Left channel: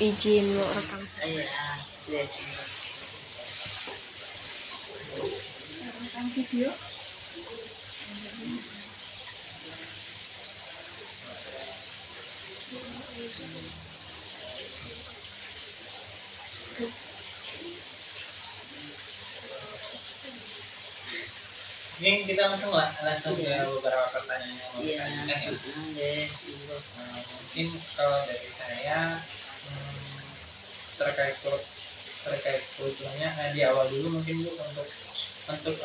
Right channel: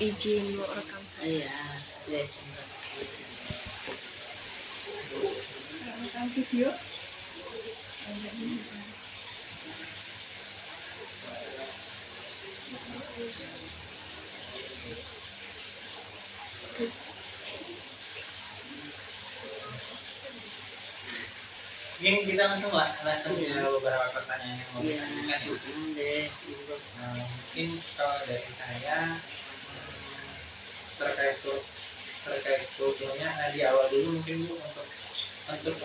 izin mau rekam saya. Iya. Rekam video. Mungkin kita langsung ke beberapa pertanyaan yang mau ditanyakan ya. Mungkin kalau dari saya terkait kulturnya di awal dulu mungkin Bu untuk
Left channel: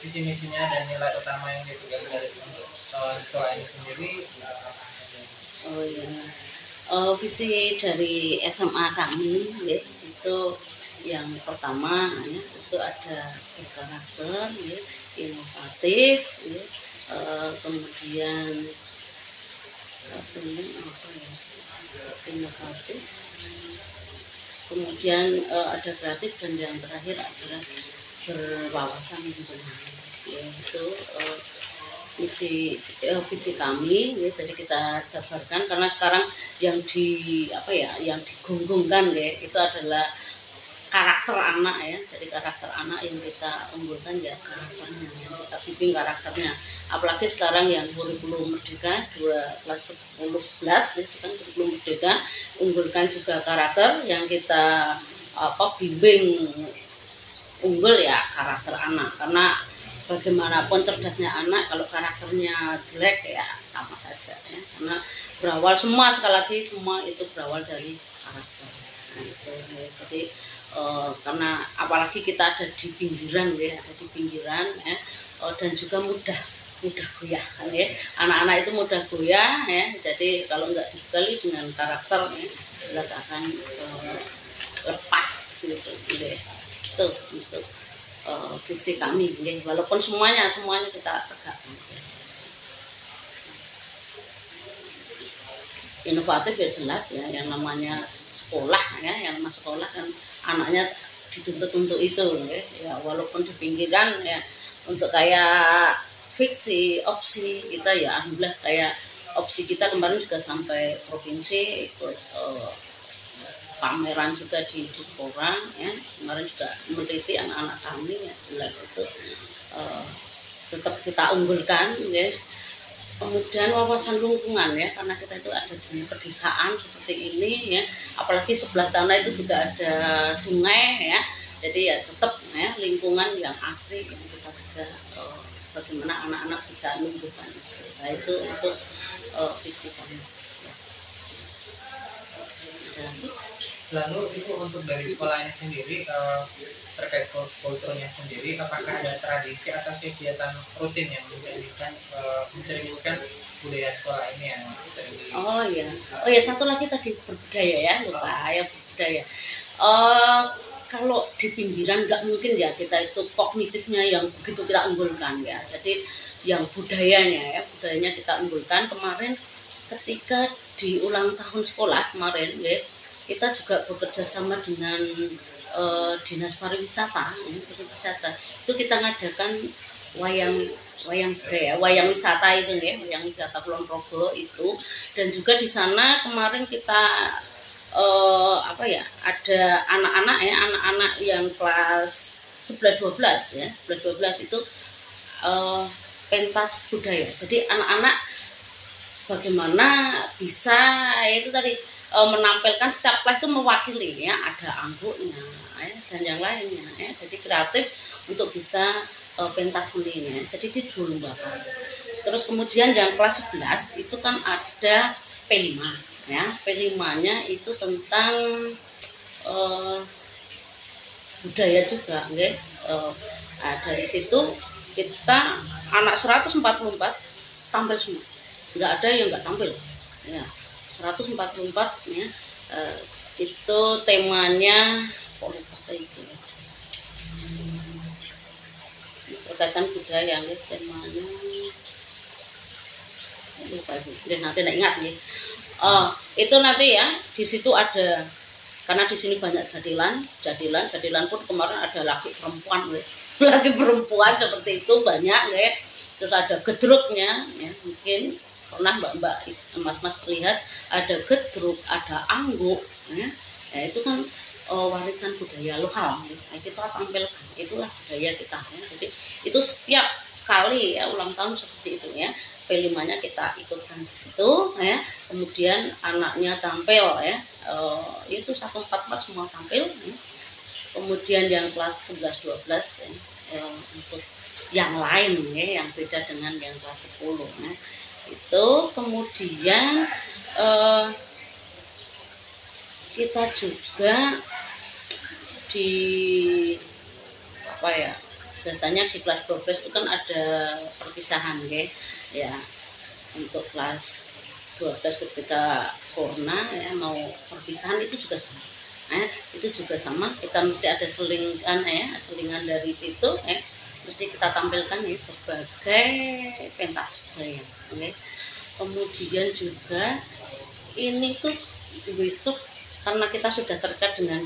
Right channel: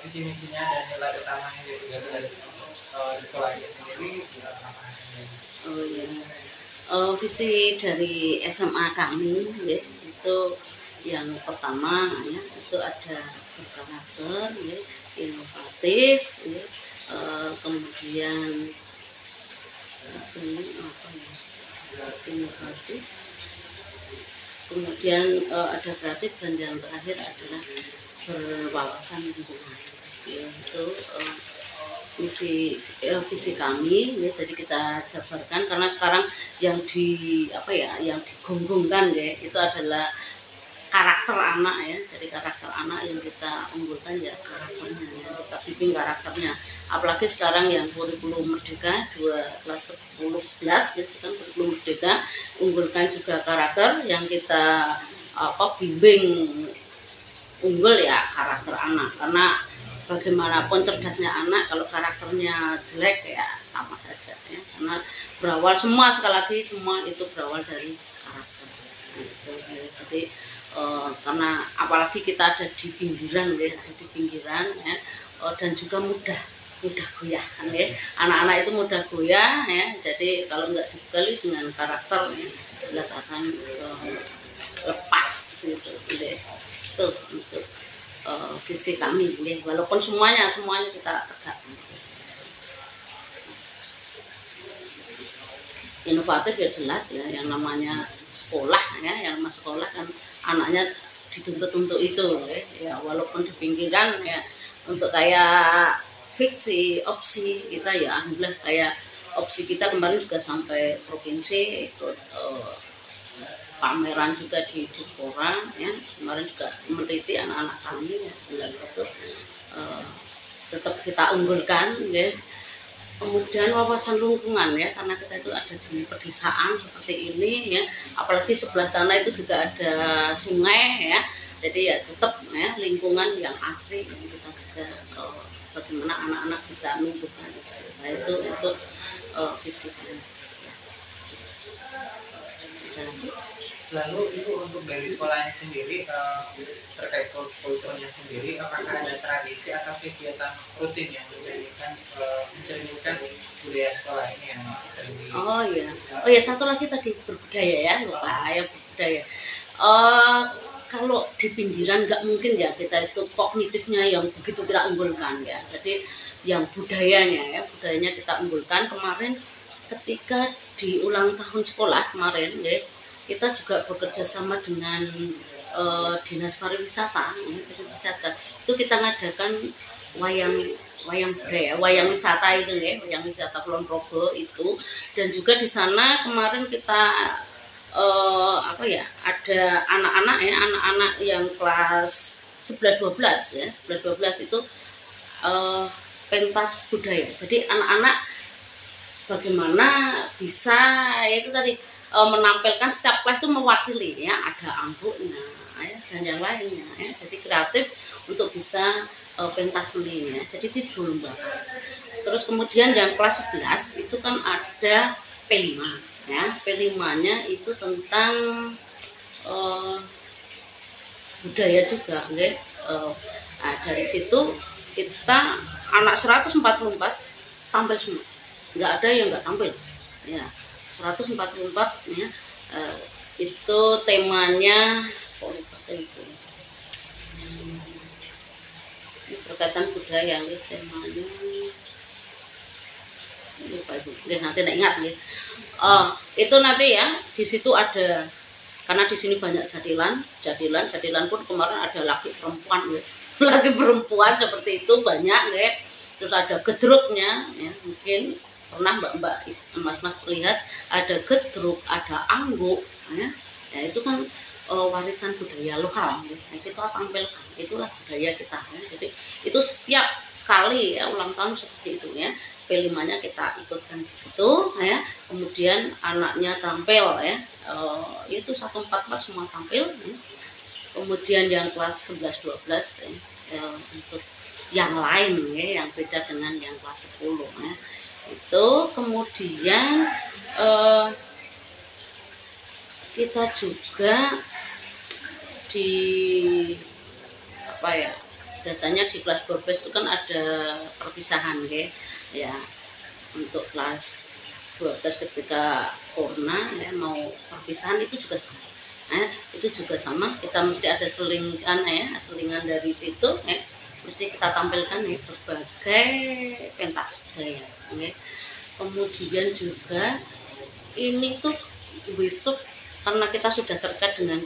visi misinya dan nilai utama yang dipegang dari untuk sekolah ini sendiri apa? Oh iya. Visi dari SMA kami ya, itu yang pertama ya, itu ada berkarakter ya, inovatif ya, kemudian apa ya, inovatif, kemudian ada kreatif, dan yang terakhir adalah berwawasan lingkungan ya, itu visi kami ya. Jadi kita jabarkan karena sekarang yang yang digonggongkan ya itu adalah karakter anak ya. Jadi karakter anak yang kita unggulkan ya karakternya, yang kita bimbing karakternya. Apalagi sekarang yang kurikulum merdeka kelas 10-11 ya, kan kurikulum merdeka, unggulkan juga karakter yang kita bimbing unggul ya karakter anak. Karena bagaimanapun cerdasnya anak kalau karakternya jelek ya sama saja ya. Karena berawal sekali lagi semua itu berawal dari karakter. Nah, itu jadi karena apalagi kita ada di pinggiran ya, ya, dan juga mudah goyah kan ya. Anak-anak itu mudah goyah ya. Jadi kalau nggak dibekali dengan karakter ya, jelas akan lepas gitu deh. Itu untuk visi kami ya. Walaupun semuanya kita tegakkan. Inovatif ya jelas ya, yang namanya sekolah ya, yang namanya sekolah kan anaknya dituntut untuk itu ya, walaupun di pinggiran ya, untuk kayak fiksi opsi kita ya, alhamdulillah kayak opsi kita kemarin juga sampai provinsi ikut pameran juga di Dipora ya, kemarin juga meneliti anak-anak kami ya, jelas itu tetap kita unggulkan ya. Kemudian wawasan lingkungan ya, karena kita itu ada di pedesaan seperti ini ya, apalagi sebelah sana itu juga ada sungai ya, jadi ya tetap ya lingkungan yang asri yang kita juga bagaimana anak-anak bisa menumbuhkan itu. Nah itu untuk visi kami ya. Ada lagi? Lalu itu untuk dari sekolahnya sendiri terkait kulturnya sendiri, apakah ada tradisi atau kegiatan rutin yang mencerminkan budaya sekolah ini yang sering di... Oh ya satu lagi tadi berbudaya ya, lupa ya berbudaya. Kalau di pinggiran nggak mungkin ya kita itu kognitifnya yang begitu kita unggulkan ya. Jadi yang budayanya kita unggulkan. Kemarin ketika di ulang tahun sekolah kemarin ya, kita juga bekerja sama dengan dinas pariwisata itu kita ngadakan wayang budaya, wayang wisata itu ya, wayang wisata Kulon Progo itu. Dan juga di sana kemarin kita ada anak-anak yang kelas 11-12 ya, 11-12 itu pentas budaya. Jadi anak-anak bagaimana bisa itu tadi menampilkan, setiap kelas itu mewakili ya, ada angguknya ya, dan yang lainnya ya. Jadi kreatif untuk bisa pentas seninya. Jadi dilombakan. Terus kemudian yang kelas 11 itu kan ada P5 ya. P5-nya itu tentang budaya juga ya. Nah, dari situ kita anak 144 tampil semua. Enggak ada yang enggak tampil. Ya. 144 ya, itu temanya politik itu berkaitan budaya ya, temanya lupa itu nanti tidak ingat ya. Itu nanti ya di situ ada, karena di sini banyak jadilan pun kemarin ada laki perempuan ya. Laki perempuan seperti itu banyak ya. Terus ada gedruknya ya, mungkin pernah mbak-mbak mas-mas lihat ada gedruk, ada angguk, ya, ya itu kan warisan budaya lokal. Nah, kita tampilkan, itulah budaya kita. Ya. Jadi itu setiap kali ya ulang tahun seperti itu ya. P5-nya kita ikutkan di situ ya. Kemudian anaknya tampil ya. Itu 144 semua tampil. Ya. Kemudian yang kelas 11 12 ya, untuk yang lain ya, yang beda dengan yang kelas 10 ya. Itu kemudian kita juga di apa ya, biasanya di kelas 12 itu kan ada perpisahan ya, untuk kelas 12 ketika corona ya mau perpisahan itu juga sama itu juga sama, kita mesti ada selingan dari situ mesti kita tampilkan ya berbagai pentas budaya ya. Kemudian juga ini tuh besok karena kita sudah terkait dengan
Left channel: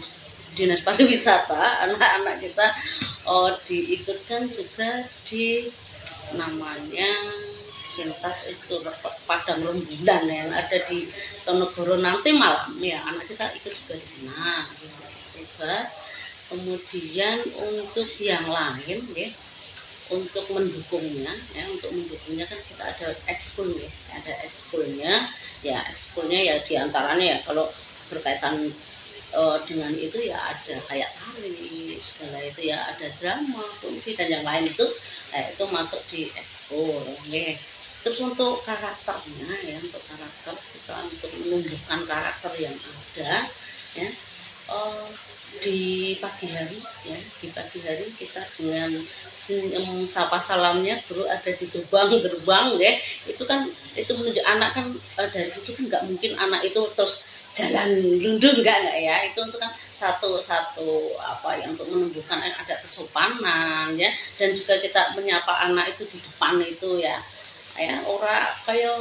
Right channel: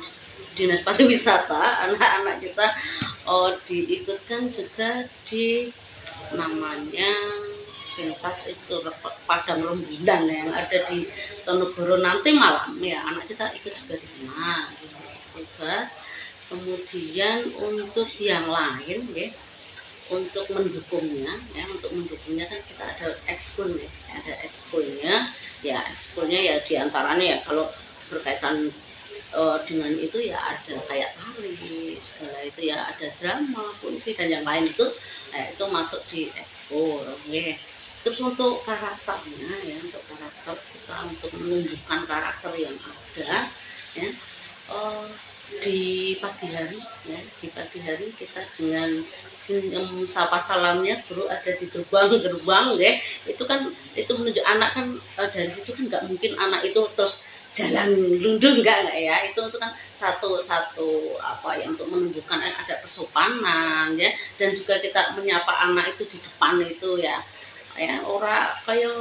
Dinas Pariwisata, anak-anak kita diikutkan juga di namanya pentas itu Padang Rembulan yang ada di Tonegoro nanti malam ya, anak kita ikut juga di sana juga. Kemudian untuk yang lain ya, untuk mendukungnya kan kita ada ekskul ya, ada ekskulnya ya diantaranya ya kalau berkaitan dengan itu ya ada kayak tari segala itu ya, ada drama, puisi dan yang lain itu masuk di ekskul ya. Terus untuk karakternya ya, untuk karakter kita untuk menunjukkan karakter yang ada ya, di pagi hari kita dengan sapa salamnya guru ada di gerbang ya, itu kan itu menunjuk anak kan dari situ kan nggak mungkin anak itu terus jalan lundung enggak ya, itu kan satu apa ya untuk menumbuhkan ada kesopanan ya, dan juga kita menyapa anak itu di depan itu ya ora kayak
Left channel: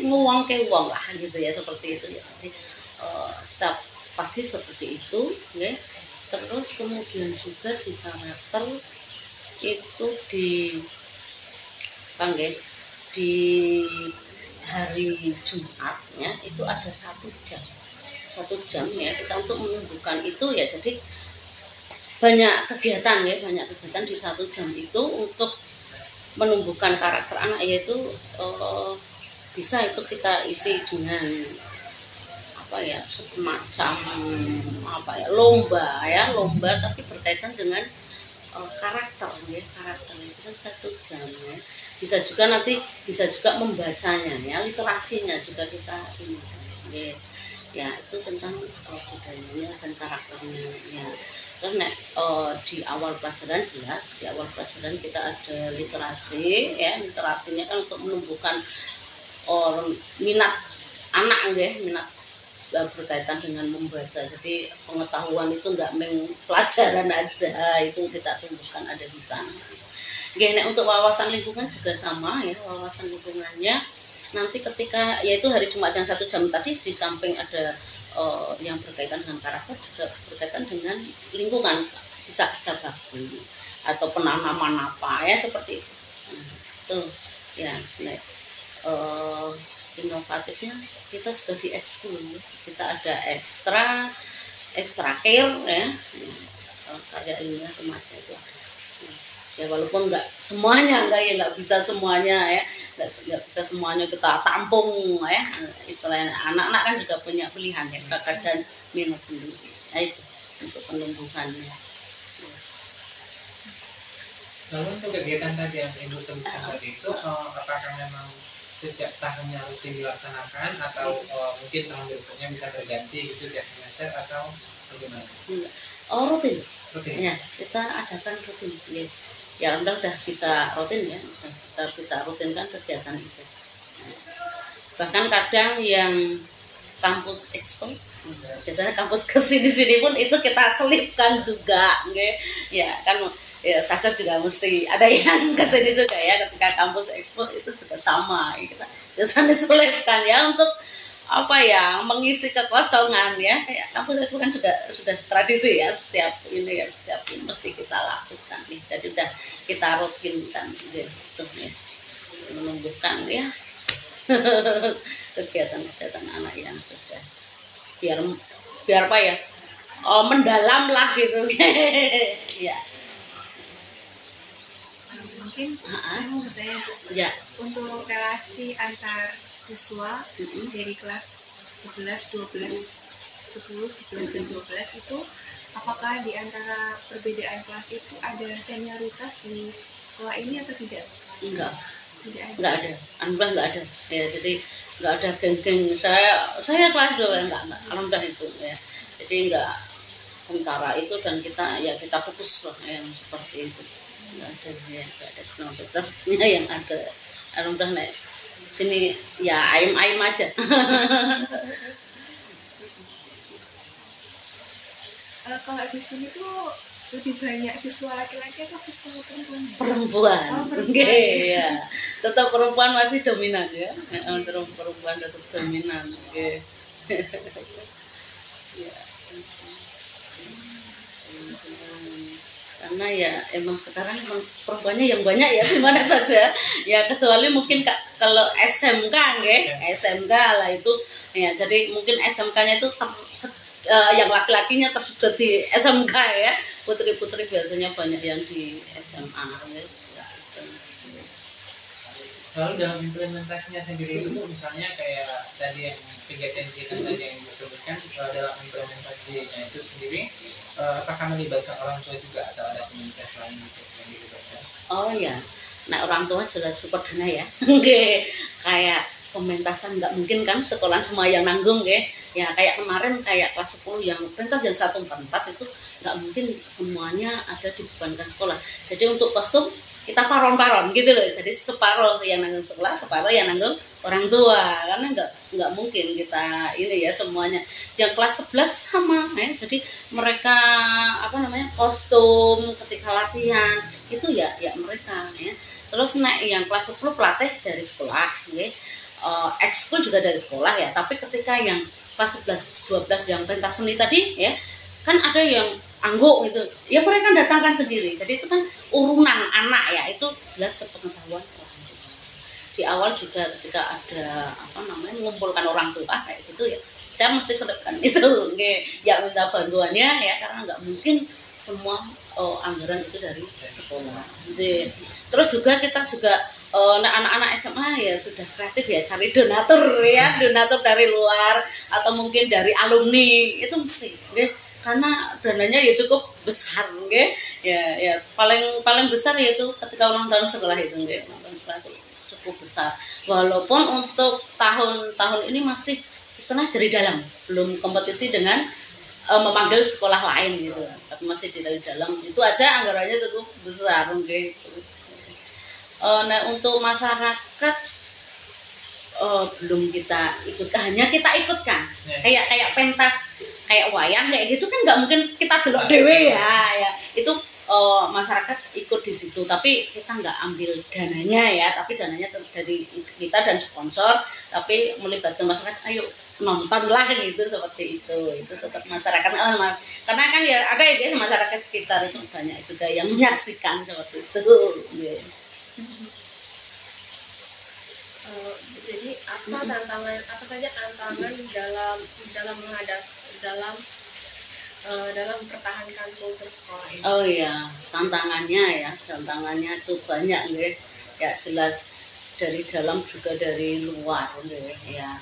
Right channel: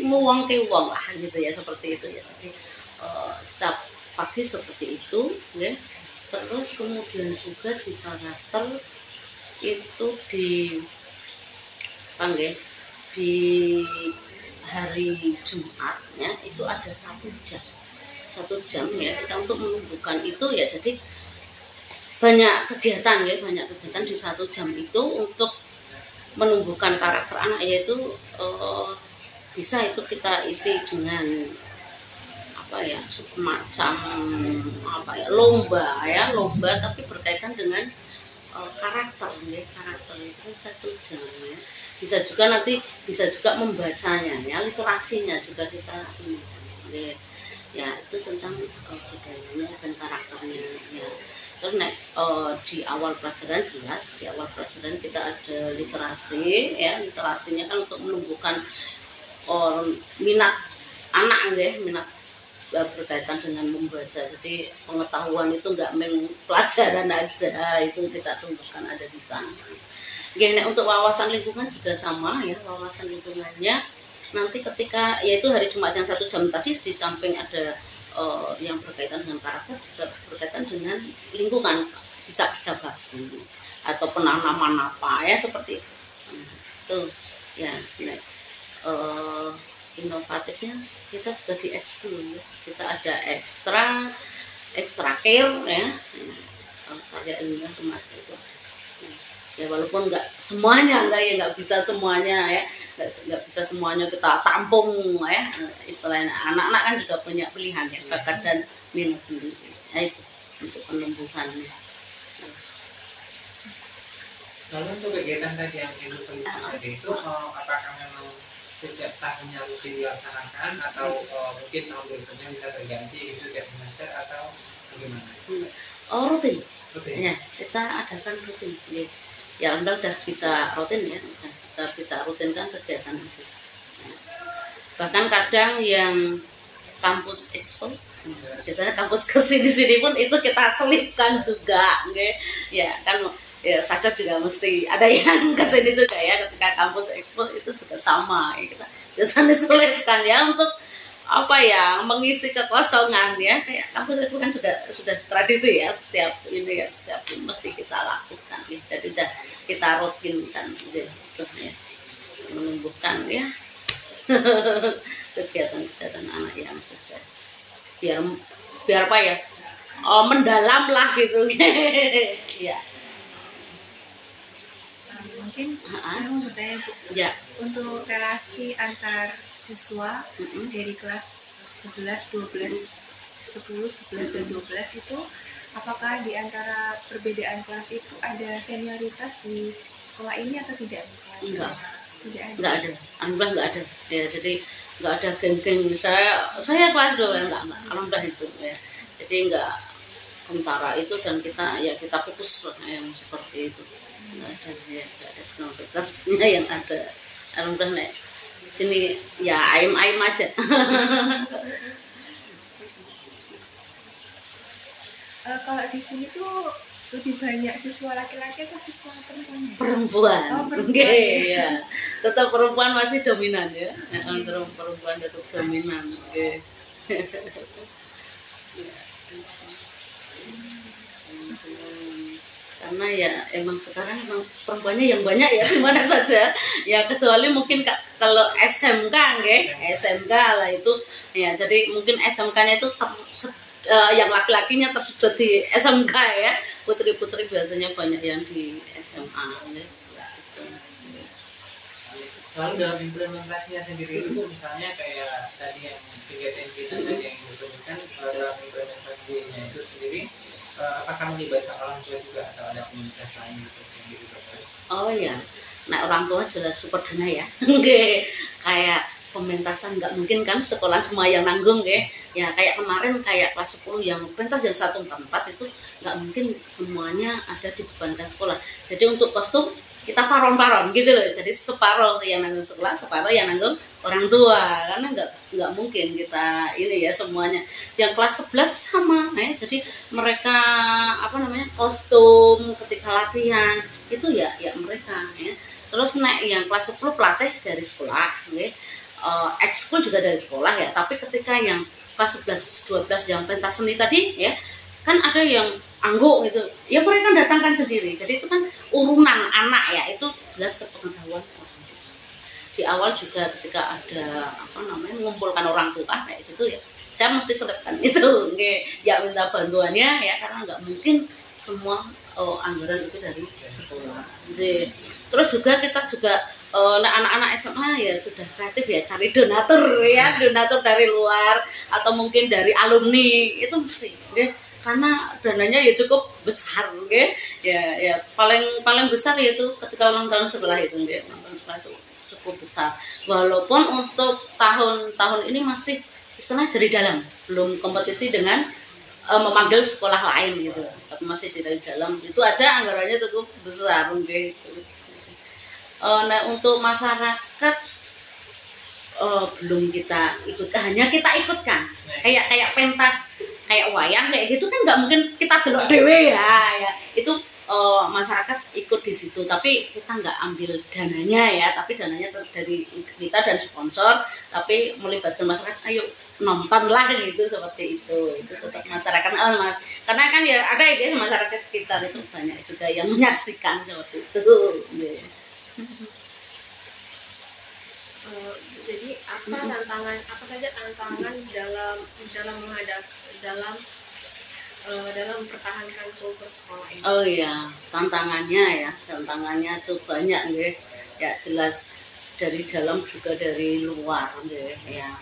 nguwang ke wong lah gitu ya, seperti itu ya. Jadi setiap pagi seperti itu ya. Terus kemudian juga di karakter itu di hari Jumat ya, itu ada 1 jam ya kita untuk menumbuhkan itu ya. Jadi banyak kegiatan di 1 jam itu untuk menumbuhkan karakter anak, yaitu bisa itu kita isi dengan semacam lomba tapi berkaitan dengan karakter itu kan 1 jam ya. Bisa juga membacanya ya, literasinya juga kita ini ya, itu tentang budayanya dan karakternya ya. Terus di awal pelajaran kita ada literasi ya, literasinya kan untuk menumbuhkan minat anak minat berkaitan dengan membaca. Jadi pengetahuan itu enggak pelajaran aja, itu kita tumbuhkan ada di sana. Untuk wawasan lingkungan juga sama ya, wawasan lingkungannya nanti ketika yaitu hari Jumat yang 1 jam tadi, di samping ada yang berkaitan dengan karakter juga berkaitan dengan lingkungan, bisa kerja bakti atau penanaman apa ya seperti itu. Itu ya. Inovatifnya kita sudah di ekskul ya. Kita ada ekstra care ya, karya ilmiah remaja itu ya, walaupun nggak bisa semuanya ya, nggak bisa semuanya kita tampung ya, istilahnya anak-anak kan juga punya pilihan ya, bakat dan minat sendiri ya, itu untuk penumbuhannya. Lalu untuk kegiatan tadi yang Ibu sebutkan tadi itu apakah memang setiap tahunnya rutin dilaksanakan atau mungkin tahun berikutnya bisa terganti gitu tiap semester atau bagaimana? Rutin ya, kita adakan rutin ya, Anda udah bisa rutin ya, kita bisa rutinkan kegiatan itu. Bahkan kadang yang kampus expo, biasanya kampus kesini pun itu kita selipkan juga ya kan ya, sadar juga mesti ada yang kesini juga ya, ketika kampus expo itu juga sama ya, kita biasanya selipkan ya untuk mengisi kekosongan ya, kayak kampus expo kan juga sudah tradisi ya, setiap ini mesti kita lakukan ya. Jadi udah kita rutinkan terus ya, menumbuhkan ya kegiatan-kegiatan anak yang sudah biar apa ya, mendalam lah gitu. Ya. Mungkin saya mau bertanya Bu, Ya. untuk relasi antar siswa dari kelas 11, 12, 10, 11 dan 12 itu, apakah di antara perbedaan kelas itu ada senioritas di sekolah ini atau tidak? Enggak. Tidak ada. Enggak ada. Alhamdulillah enggak ada. Ya, jadi enggak ada geng-geng. Saya kelas 2 enggak. Alhamdulillah itu ya. Jadi enggak kentara itu, dan kita fokus lah yang seperti itu. Enggak ada ya, enggak ada senioritasnya yang ada. Alhamdulillah nek sini ya ayem-ayem aja. Kalau di sini tuh lebih banyak siswa laki-laki atau siswa perempuan? Perempuan. Oh, perempuan. Oke, ya. Tetap perempuan masih dominan ya. Perempuan tetap dominan. Oke. Ya. Karena ya emang sekarang emang perempuannya yang banyak ya, dimana saja ya, kecuali mungkin kalau SMK nggih, SMK lah itu ya, jadi mungkin SMK-nya itu yang laki-lakinya tersudut di SMK ya, putri-putri biasanya banyak yang di SMA ya, itu. Lalu dalam implementasinya sendiri itu misalnya kayak tadi yang kegiatan kita tadi yang disebutkan, dalam implementasinya itu sendiri apakah melibatkan orang tua juga atau ada komunitas lain gitu yang dilibatkan? Oh ya, nah orang tua jelas support dana ya. Oke, kayak pementasan nggak mungkin kan sekolah semua yang nanggung ya, kayak kemarin kayak kelas 10 yang pentas yang 144 itu nggak mungkin semuanya ada dibebankan sekolah. Jadi untuk kostum kita paron-paron gitu loh, jadi separuh yang nanggung sekolah, separuh yang nanggung orang tua, karena nggak mungkin kita ini ya semuanya. Yang kelas 11 sama ya, jadi mereka kostum ketika latihan itu ya mereka ya. Terus naik yang kelas 10 pelatih dari sekolah ya. Ekskul juga dari sekolah ya, tapi ketika yang kelas 11, 12 yang pentas seni tadi ya, kan ada yang angguk gitu ya, mereka datangkan sendiri. Jadi itu kan urunan anak ya, itu jelas sepengetahuan orang tua. Di awal juga ketika ada mengumpulkan orang tua kayak gitu ya, saya mesti selipkan itu ya, minta bantuannya ya, karena nggak mungkin semua anggaran itu dari sekolah. Jadi, terus juga kita juga anak-anak SMA ya sudah kreatif ya, cari donatur ya, donatur dari luar atau mungkin dari alumni, itu mesti karena dananya ya cukup besar ya paling besar yaitu ketika ulang tahun sekolah itu ulang tahun sekolah itu cukup besar, walaupun untuk tahun ini masih istilah dari dalam, belum kompetisi dengan memanggil sekolah lain gitu, tapi masih dari dalam itu aja anggarannya cukup besar gitu. Nah untuk masyarakat belum kita ikutkan, hanya kita ikutkan kayak pentas, kayak wayang kayak gitu kan nggak mungkin kita delok dewe ya itu masyarakat ikut di situ, tapi kita nggak ambil dananya ya, tapi dananya dari kita dan sponsor, tapi melibatkan masyarakat, ayo nonton lah gitu, seperti itu tetap masyarakat karena kan ya ada ya masyarakat sekitar itu banyak juga yang menyaksikan seperti itu. Jadi apa saja tantangan dalam mempertahankan kultur sekolah ini? Oh iya, tantangannya itu banyak ya, jelas dari dalam juga dari luar ya.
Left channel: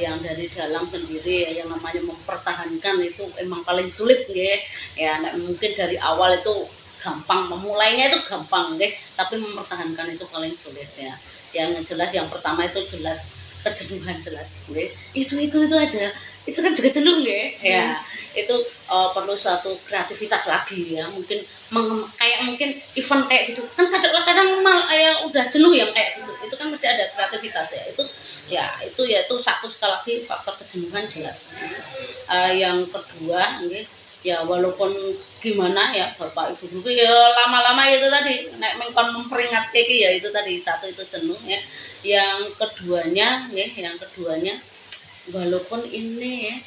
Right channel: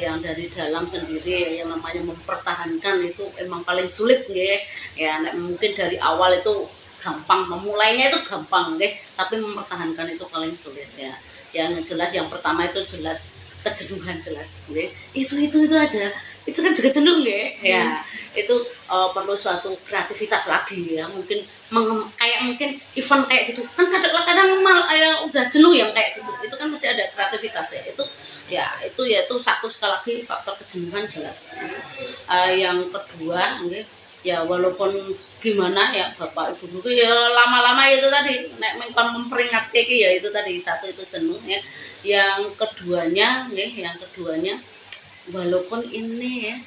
Yang dari dalam sendiri yang namanya mempertahankan itu emang paling sulit ya, mungkin dari awal itu gampang, memulainya itu gampang tapi mempertahankan itu paling sulit ya. Yang jelas yang pertama itu jelas kejenuhan, jelas itu aja, itu kan juga jenuh ya. Itu perlu suatu kreativitas lagi ya, mungkin kayak mungkin event kayak gitu kan kadang-kadang ya udah jenuh yang kayak gitu, itu kan mesti ada kreativitas ya. Itu satu, sekali lagi faktor kejenuhan jelas. Yang kedua ya walaupun gimana ya Bapak Ibu guru ya lama-lama itu tadi memperingatkan ya, itu tadi satu itu jenuh ya. Yang keduanya walaupun ini ya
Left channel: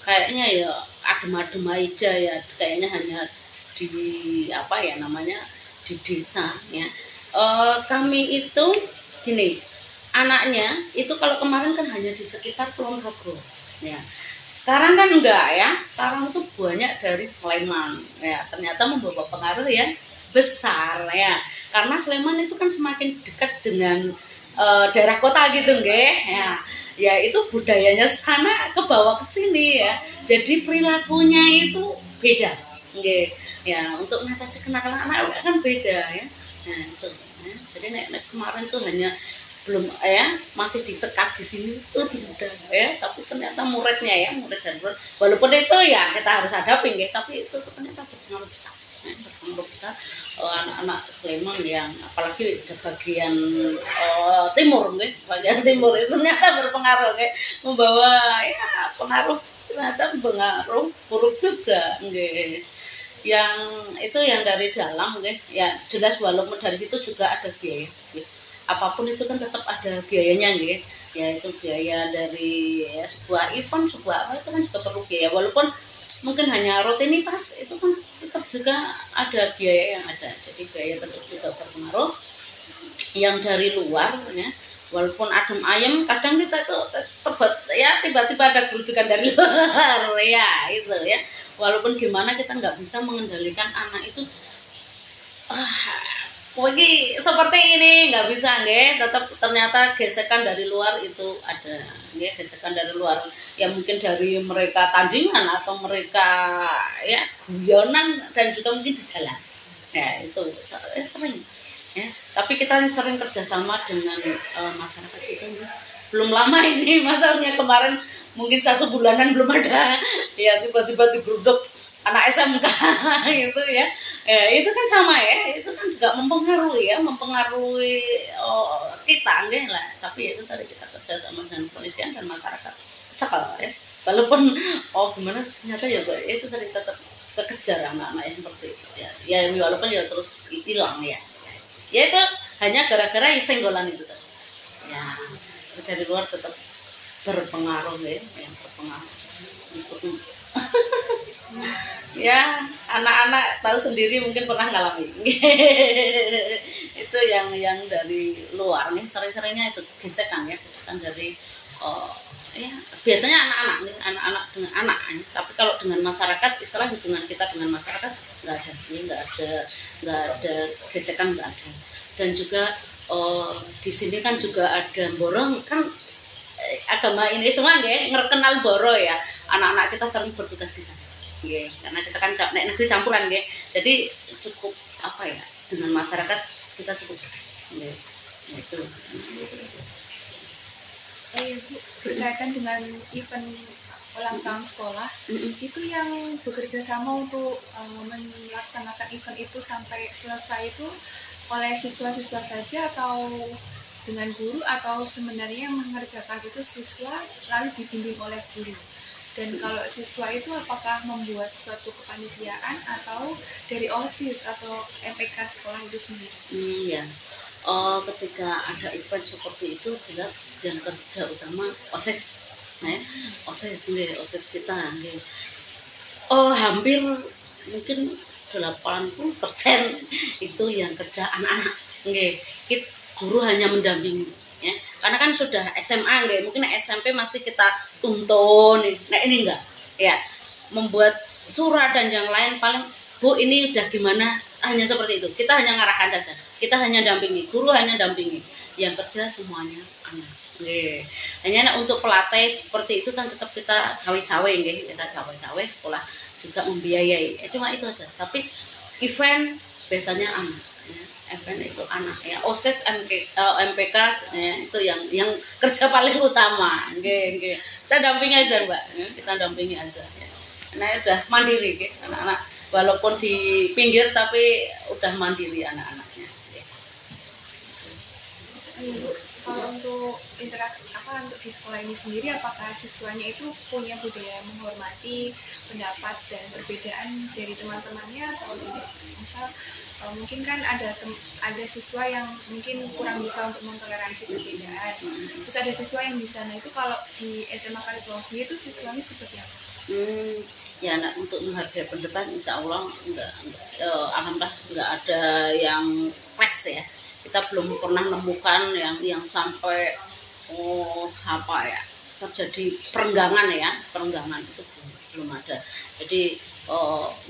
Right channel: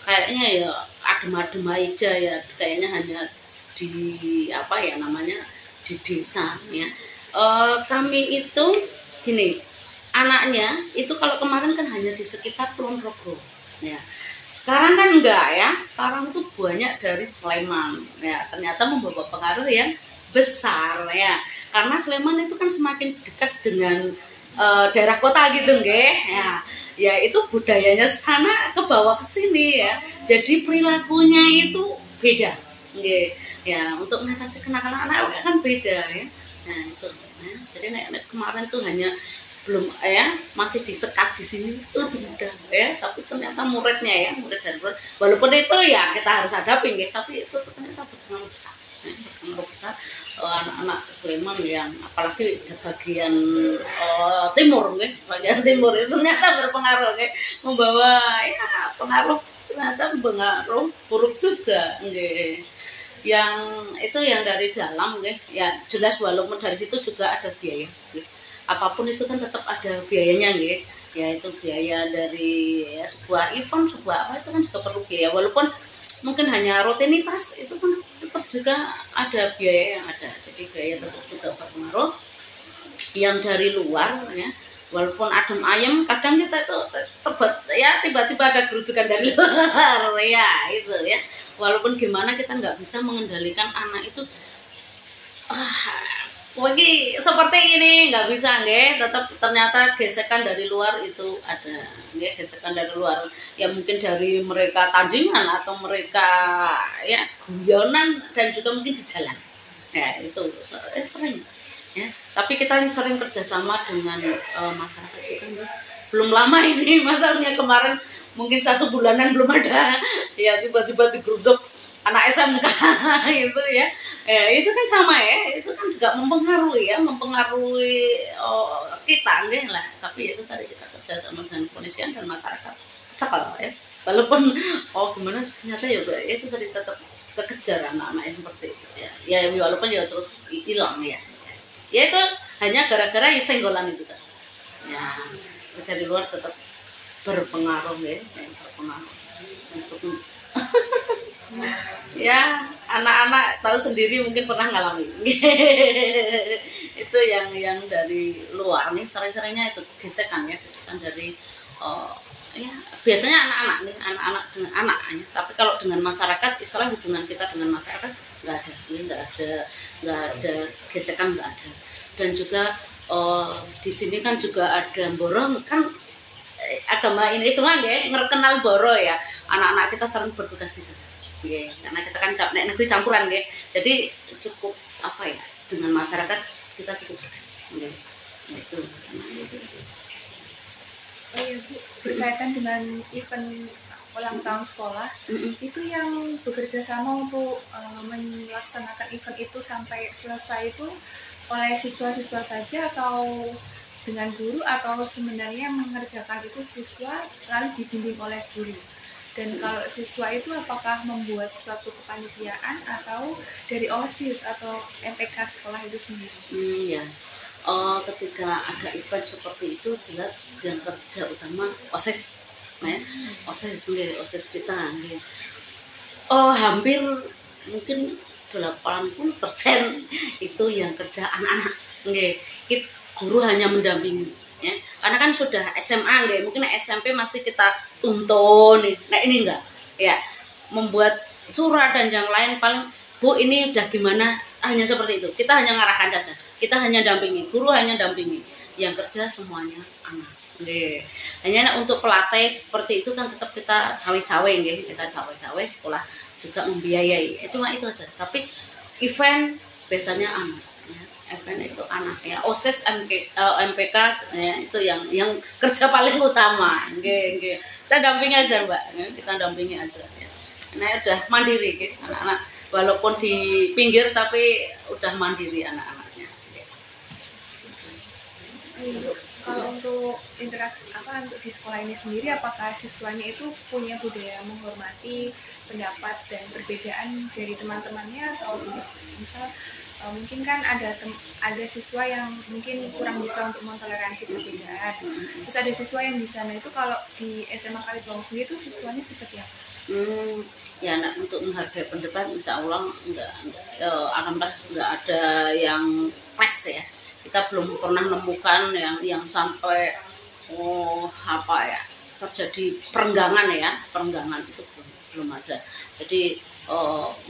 kayaknya ya adem-adem aja ya, kayaknya hanya di di desa ya. Kami itu gini, anaknya itu kalau kemarin kan hanya di sekitar Kulon Progo ya. Sekarang kan enggak ya, sekarang itu banyak dari Sleman ya, ternyata membawa pengaruh yang besar ya, karena Sleman itu kan semakin dekat dengan daerah kota gitu nggih ya. Ya itu budayanya sana ke bawah ke sini ya, jadi perilakunya itu beda nggih ya, untuk mengatasi kenakalan anak kan beda ya. Nah itu ya. Jadi nek kemarin tuh hanya belum ya, masih disekat di sini lebih mudah ya, tapi ternyata murid dan murid walaupun itu ya kita harus hadapi ya, tapi itu ternyata berpengaruh besar ya, berpengaruh besar anak-anak Sleman yang apalagi di bagian timur ya, bagian timur itu ternyata berpengaruh ya, membawa ya pengaruh, ternyata pengaruh buruk juga ya. Yang itu yang dari dalam ya jelas, walaupun dari situ juga ada biaya ya. Apapun itu kan tetap ada biayanya gitu ya, itu biaya dari ya, sebuah event, sebuah apa itu kan juga perlu biaya, walaupun mungkin hanya rutinitas itu kan tetap juga ada biaya yang ada, jadi biaya tetap juga berpengaruh. Yang dari luar ya, walaupun adem ayem kadang kita itu tebet ya, tiba-tiba ada gerudukan dari luar ya itu ya, walaupun gimana kita nggak bisa mengendalikan anak itu lagi seperti ini, nggak bisa nggih, tetap ternyata gesekan dari luar itu ada nggih, gesekan dari luar ya, mungkin dari mereka tandingan atau mereka ya guyonan, dan juga mungkin di jalan ya, itu sering ya. Tapi kita sering kerjasama dengan masyarakat juga nggih. Belum lama ini masalahnya, kemarin mungkin 1 bulanan belum ada ya, tiba-tiba digeruduk anak SMK itu ya, itu kan sama ya, itu kan juga mempengaruhi kita enggak lah, tapi itu tadi kita kerja sama dengan kepolisian dan masyarakat cekal ya, walaupun gimana ternyata ya itu tadi tetap kekejar anak-anak yang seperti itu ya, walaupun ya terus hilang ya itu hanya gara-gara senggolan itu tadi ya, dari luar tetap berpengaruh ya, yang berpengaruh untuk ya, anak-anak tahu sendiri, mungkin pernah ngalami itu yang dari luar nih, sering-seringnya itu gesekan dari ya biasanya anak-anak dengan anaknya, tapi kalau dengan masyarakat, istilah hubungan kita dengan masyarakat nggak ada gesekan, nggak ada. Dan juga di sini kan juga ada borong kan, agama ini cuma ngerkenal boro ya, anak-anak kita sering bertugas di sana. Yeah, karena kita kan negeri campuran jadi cukup apa ya, dengan masyarakat kita cukup itu. Oh iya Bu, berkaitan dengan event ulang tahun sekolah, itu yang bekerja sama untuk melaksanakan event itu sampai selesai itu oleh siswa-siswa saja atau dengan guru, atau sebenarnya mengerjakan itu siswa lalu dibimbing oleh guru? Dan kalau siswa itu apakah membuat suatu kepanitiaan atau dari OSIS atau MPK sekolah itu sendiri? Ya, ketika ada event seperti itu jelas yang kerja utama OSIS, ya, OSIS kita, hampir mungkin 80% itu yang kerja anak-anak, guru hanya mendampingi. Ya, karena kan sudah SMA mungkin SMP masih kita tuntun, nah ini enggak ya, membuat surat dan yang lain paling Bu ini udah gimana, hanya seperti itu, kita hanya ngarahkan saja, kita hanya dampingi, guru hanya dampingi, yang kerja semuanya anak. Hanya untuk pelatih seperti itu kan tetap kita cawe-cawe kita cawe-cawe, sekolah juga membiayai, cuma itu aja. Tapi event biasanya anak. Event itu anak ya, OSIS MPK ya, itu yang kerja paling utama. Kita dampingi aja Mbak, kita dampingi aja ya. Nah udah mandiri anak-anak, walaupun di pinggir tapi udah mandiri anak-anaknya. Kalau untuk interaksi untuk di sekolah ini sendiri, apakah siswanya itu punya budaya menghormati pendapat dan perbedaan dari teman-temannya atau tidak? Misal mungkin kan ada siswa yang mungkin kurang bisa untuk mentoleransi perbedaan, terus ada siswa yang bisa. Nah itu kalau di SMA Kalibawang sendiri itu siswanya seperti apa? Ya untuk menghargai pendapat insya Allah alhamdulillah nggak ada yang pas ya, kita belum pernah menemukan yang sampai apa ya, terjadi perenggangan ya, perenggangan itu belum ada. Jadi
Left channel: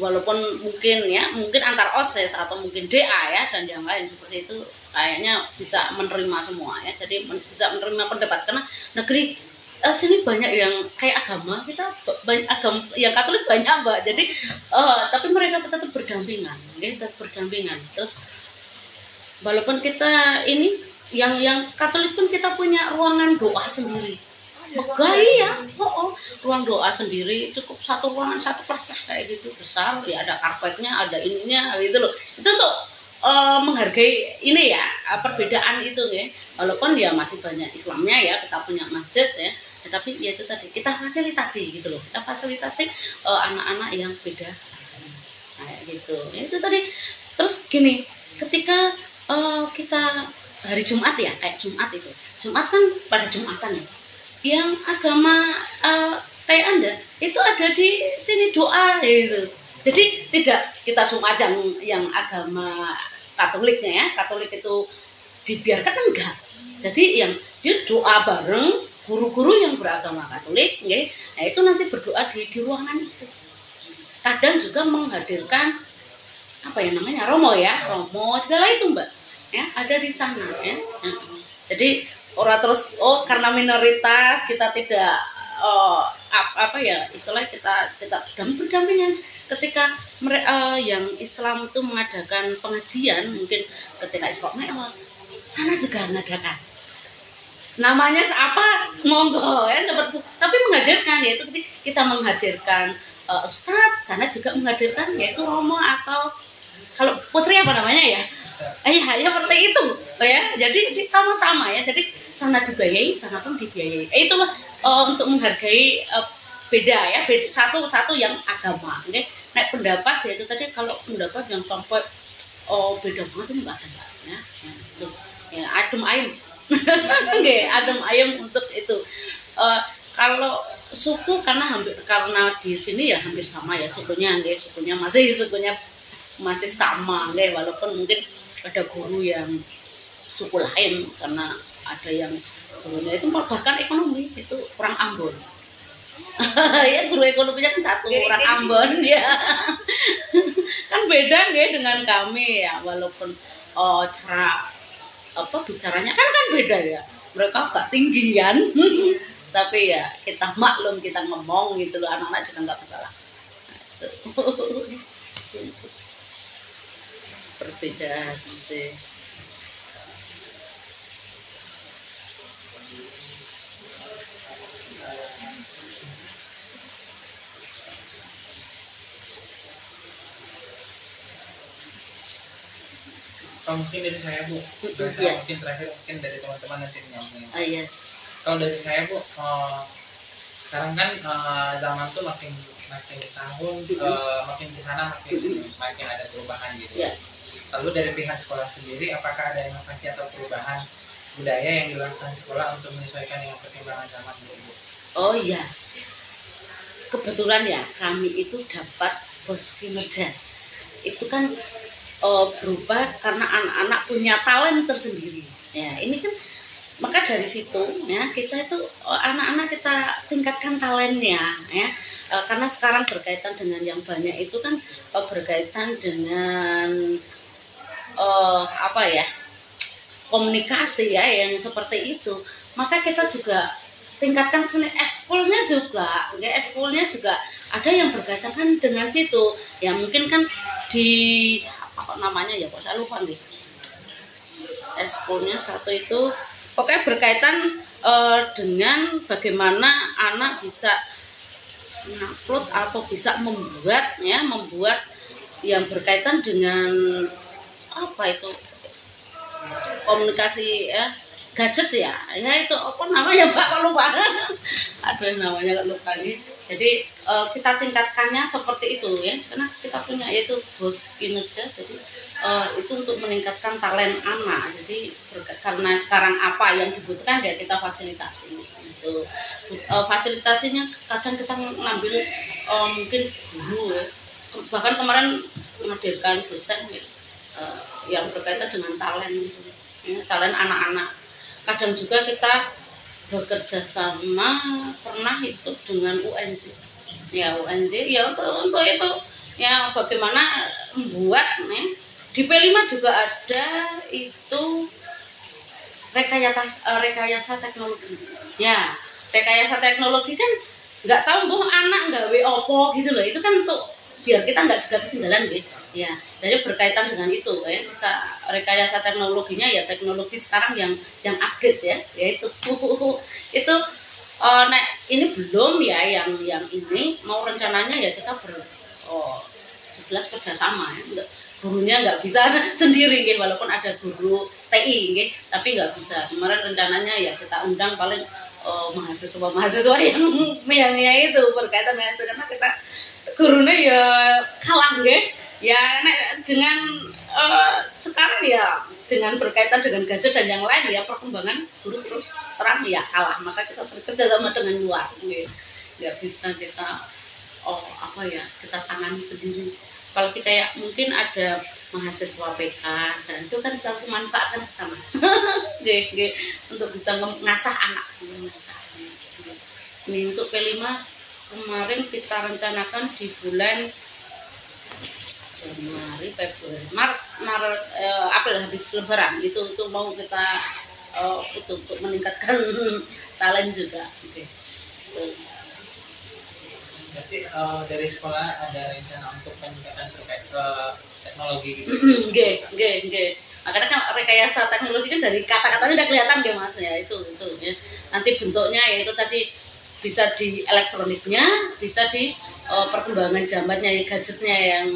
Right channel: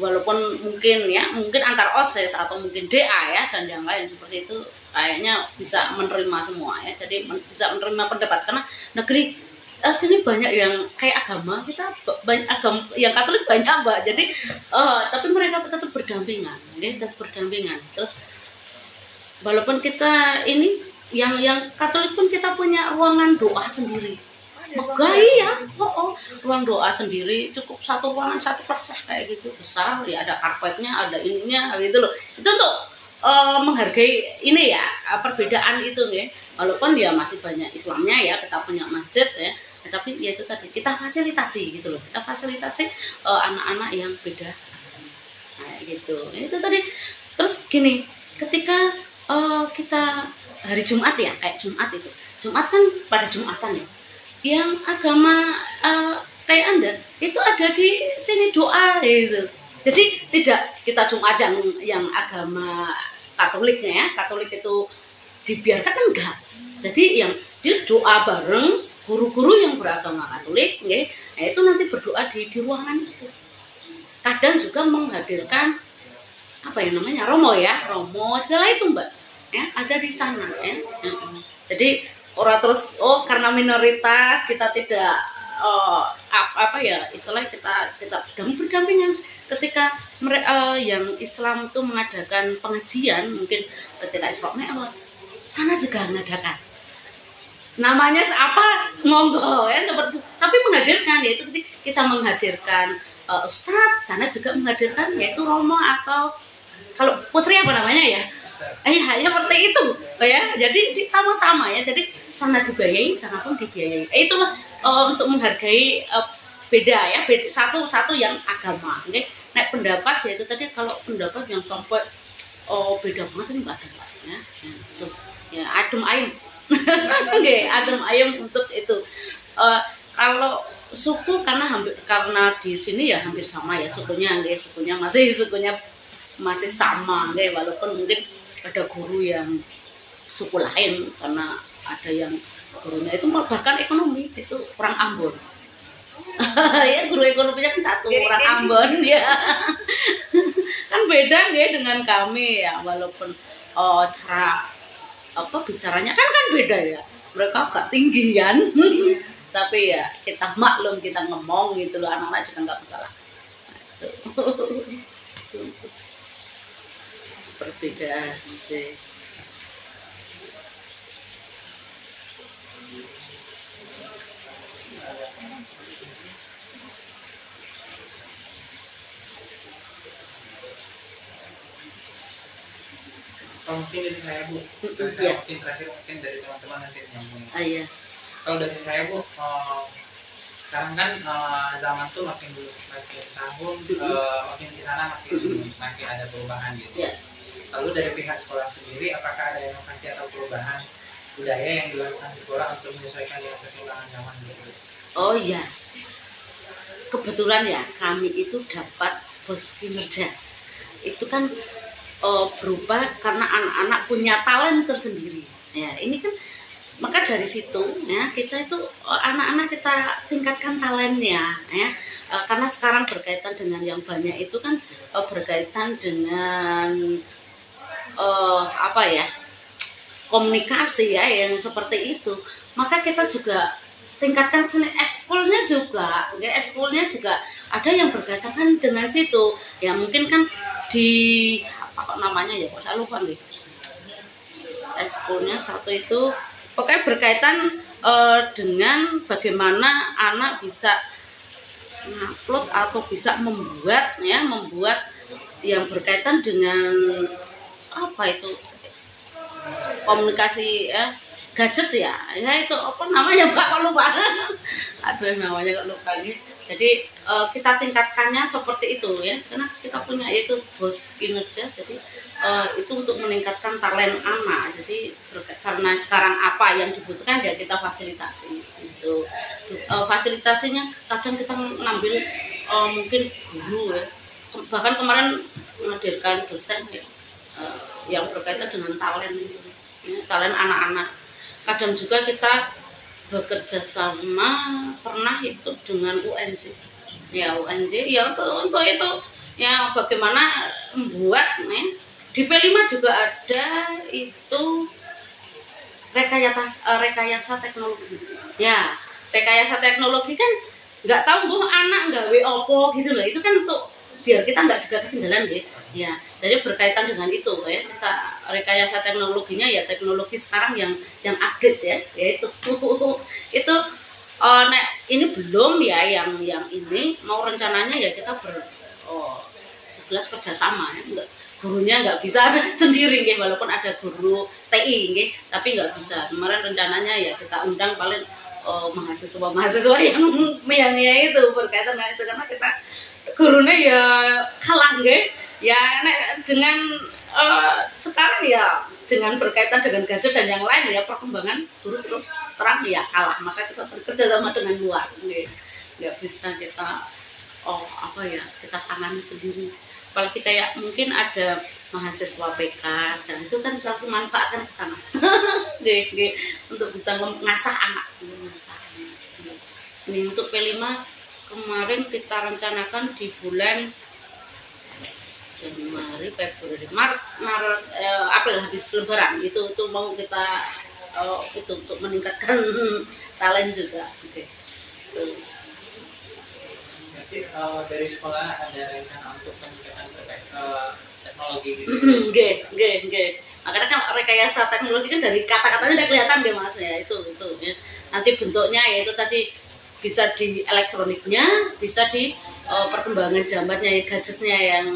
walaupun mungkin antar OSIS atau mungkin DA ya dan yang lain seperti itu kayaknya bisa menerima semua ya. Jadi bisa menerima pendapat karena negeri sini banyak yang kayak agama, kita banyak agama yang Katolik banyak Mbak. Jadi tapi mereka tetap berdampingan, tetap berdampingan. Terus walaupun kita ini yang Katolik pun kita punya ruangan doa sendiri. Megah ya, ruang doa sendiri, cukup satu ruangan, satu kelas lah kayak gitu, besar ya, ada karpetnya, ada ininya gitu loh. Itu untuk menghargai ini ya, perbedaan itu ya. Walaupun ya masih banyak Islamnya ya, kita punya masjid ya, tetapi ya itu tadi kita fasilitasi gitu loh, kita fasilitasi anak-anak yang beda kayak gitu. Itu tadi. Terus gini, ketika kita hari Jumat ya, kayak Jumat itu, Jumat kan pada Jumatan ya, yang agama kayak Anda itu ada di sini doa gitu. Jadi tidak kita Jumat yang agama Katoliknya ya, Katolik itu dibiarkan enggak. Jadi yang dia doa bareng guru-guru yang beragama Katolik, nah itu nanti berdoa di ruangan itu. Kadang juga menghadirkan apa ya namanya, romo segala itu Mbak ya, ada di sana ya. Jadi orang terus karena minoritas kita tidak apa ya istilahnya kita berdampingan. Ketika yang Islam itu mengadakan pengajian, mungkin ketika Isra Mi'raj sana juga mengadakan, namanya apa monggo ya seperti itu. Tapi menghadirkan yaitu kita menghadirkan ustadz, sana juga menghadirkan yaitu romo atau kalau putri apa namanya ya, seperti itu ya. Jadi sama-sama ya. Jadi sana dibiayai, sana pun dibiayai. Itulah untuk menghargai beda ya, satu yang agama. Naik pendapat ya itu tadi, kalau pendapat yang sampai beda banget ini nggak ada ya. Itu ya adem ayem. Adem ayem untuk itu. Kalau suku karena di sini ya hampir sama ya sukunya masih sama walaupun mungkin ada guru yang suku lain karena ada yang gurunya itu bahkan ekonomi itu orang Ambon. Ya guru ekonominya kan satu orang Ambon ya. Kan beda dengan kami ya, walaupun cara bicaranya kan beda ya. Mereka agak tinggian. Tapi ya kita maklum, kita ngomong gitu loh, anak-anak juga nggak masalah. Itu perbedaan sih. Mungkin dari saya Bu, Ya. mungkin terakhir mungkin dari teman-teman nanti nyambung. Iya. Kalau dari saya Bu, sekarang kan zaman tuh makin tahun makin di sana makin ada perubahan gitu. Ya. Lalu dari pihak sekolah sendiri, apakah ada inovasi atau perubahan budaya yang dilakukan sekolah untuk menyesuaikan dengan perkembangan zaman gitu? Oh iya, kebetulan ya kami itu dapat bos kinerja. Itu kan berubah karena anak-anak punya talent tersendiri. Ya ini kan maka dari situ ya kita itu anak-anak kita tingkatkan talentnya ya. Karena sekarang berkaitan dengan yang banyak itu kan berkaitan dengan komunikasi ya yang seperti itu. Maka kita juga tingkatkan seni ekskulnya juga ada yang berkaitan kan dengan situ ya. Mungkin kan di namanya ya kok saya lupa nih, ekskulnya satu itu pokoknya berkaitan dengan bagaimana anak bisa ngupload atau bisa membuat yang berkaitan dengan komunikasi ya, gadget ya itu apa namanya Pak, kok lupa. Aduh namanya kok lupa nih. Jadi kita tingkatkannya seperti itu ya, karena kita punya yaitu bos kinerja. Jadi itu untuk meningkatkan talent anak. Jadi karena sekarang apa yang dibutuhkan ya kita fasilitasi. Itu fasilitasinya kadang kita ngambil mungkin guru ya. Bahkan kemarin menghadirkan dosen ya, yang berkaitan dengan talent ya, talent anak-anak. Kadang juga kita bekerja sama pernah itu dengan UNJ. Ya UNJ ya untuk itu ya bagaimana membuat nih di P5 juga ada itu rekayasa teknologi. Ya, rekayasa teknologi kan nggak tahu bu anak nggawe opo gitu loh. Itu kan untuk biar kita nggak juga ketinggalan gitu. Ya, jadi berkaitan dengan itu ya. Kita rekayasa teknologinya ya teknologi sekarang yang update ya, yaitu itu nah ini belum ya yang ini mau rencananya ya kita 17 kerjasama ya. Gurunya nggak bisa sendiri nggih, walaupun ada guru TI nggih, tapi nggak bisa. Kemarin rencananya ya kita undang paling mahasiswa yang ya itu berkaitan dengan itu, karena kita gurunya ya kalah nggih. Ya dengan sekarang ya dengan berkaitan dengan gadget dan yang lain ya perkembangan guru terus terang ya kalah, maka kita kerja sama dengan luar nggih. Nggak bisa kita kita tangani sendiri. Apalagi kayak mungkin ada mahasiswa PK sekarang itu kan kita manfaatkan ke sana untuk bisa mengasah anak. Ini untuk P5 kemarin kita rencanakan di bulan Januari, Februari, Maret, April habis Lebaran itu mau kita itu untuk meningkatkan talent juga. Berarti dari sekolah ada rencana untuk peningkatan terkait teknologi gitu. Nggih. Makanya kan rekayasa teknologi kan dari kata-katanya udah kelihatan ya Mas ya, itu ya. Nanti bentuknya yaitu tadi bisa di elektroniknya, bisa di perkembangan zamannya ya, gadgetnya yang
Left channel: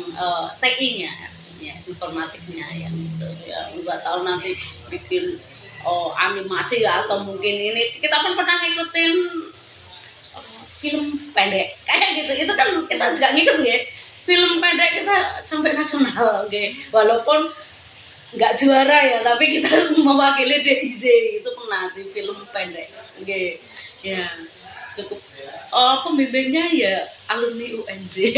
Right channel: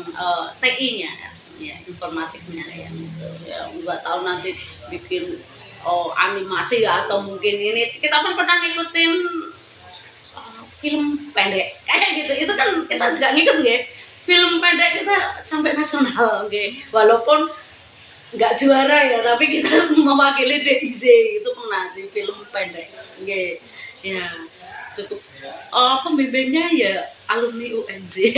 TI-nya ya, informatiknya yang itu ya. Enggak tahu nanti bikin animasi atau mungkin ini kita pun pernah ngikutin film pendek kayak gitu, itu kan kita juga ngikut nggih, film pendek kita sampai nasional nggih, walaupun nggak juara ya tapi kita mewakili DIZ itu pernah di film pendek nggih ya, cukup pembimbingnya ya alumni UNJ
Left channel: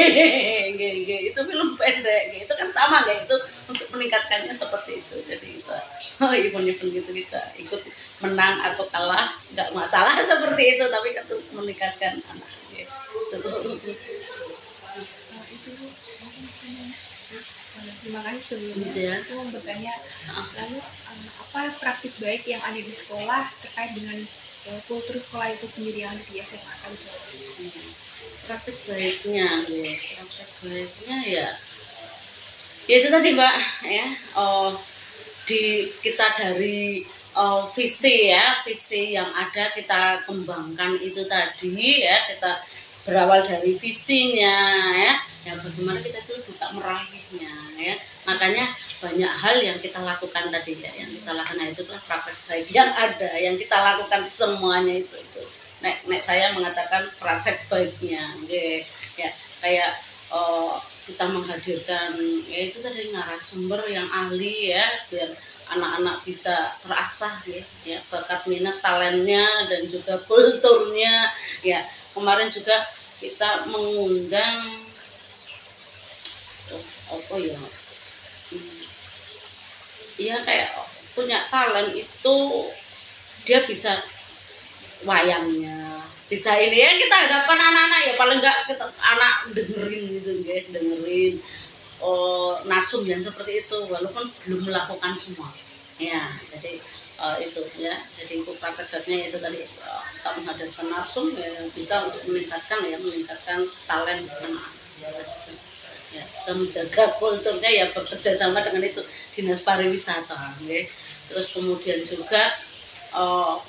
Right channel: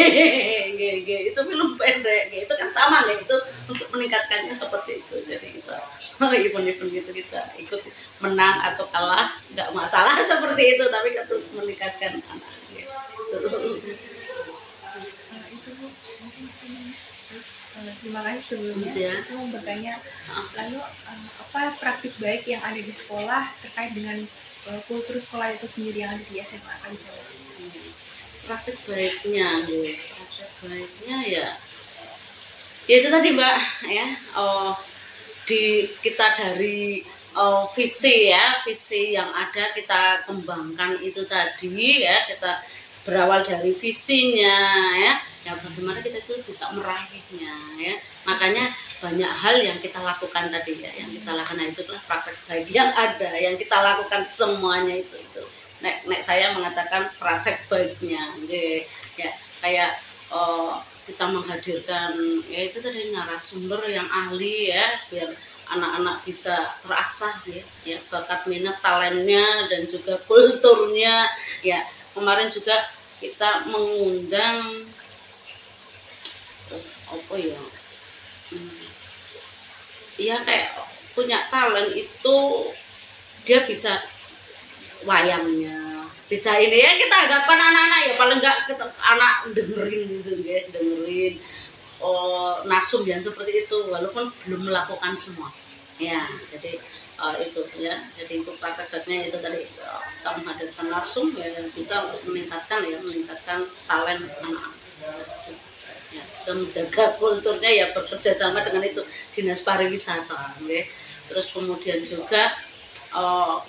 nggih, itu film pendek nggih, itu kan sama nggih, itu untuk meningkatkannya seperti itu. Jadi kita event-event gitu bisa ikut menang atau kalah nggak masalah seperti itu, tapi untuk meningkatkan anak gitu. Itu mungkin terima kasih sebelumnya. Saya mau bertanya, lalu apa praktik baik yang ada di sekolah terkait dengan kultur sekolah itu sendiri yang ada di SMA Kalijodo? Praktik baiknya ya itu tadi Mbak ya, kita dari visi yang ada kita kembangkan itu tadi ya, kita berawal dari visinya ya bagaimana kita itu bisa meraihnya ya, makanya banyak hal yang kita lakukan tadi ya, yang kita lakukan itulah praktek baik yang ada, yang kita lakukan semuanya itu nek saya mengatakan praktek baiknya ya, kayak kita menghadirkan ya itu tadi narasumber yang ahli ya, biar anak-anak bisa terasah ya bakat minat talentnya dan juga kulturnya ya. Kemarin juga kita mengundang ya kayak punya talent itu, dia bisa wayangnya, bisa ini ya, kita hadapan anak-anak ya paling enggak kita anak dengerin gitu guys, dengerin narsum yang seperti itu walaupun belum melakukan semua ya. Jadi itu ya, jadi itu prakteknya itu tadi kita menghadirkan narsum ya, yang bisa untuk meningkatkan talent anak-anak ya, kita menjaga kulturnya ya, bekerja sama dengan itu dinas pariwisata ya. Terus kemudian juga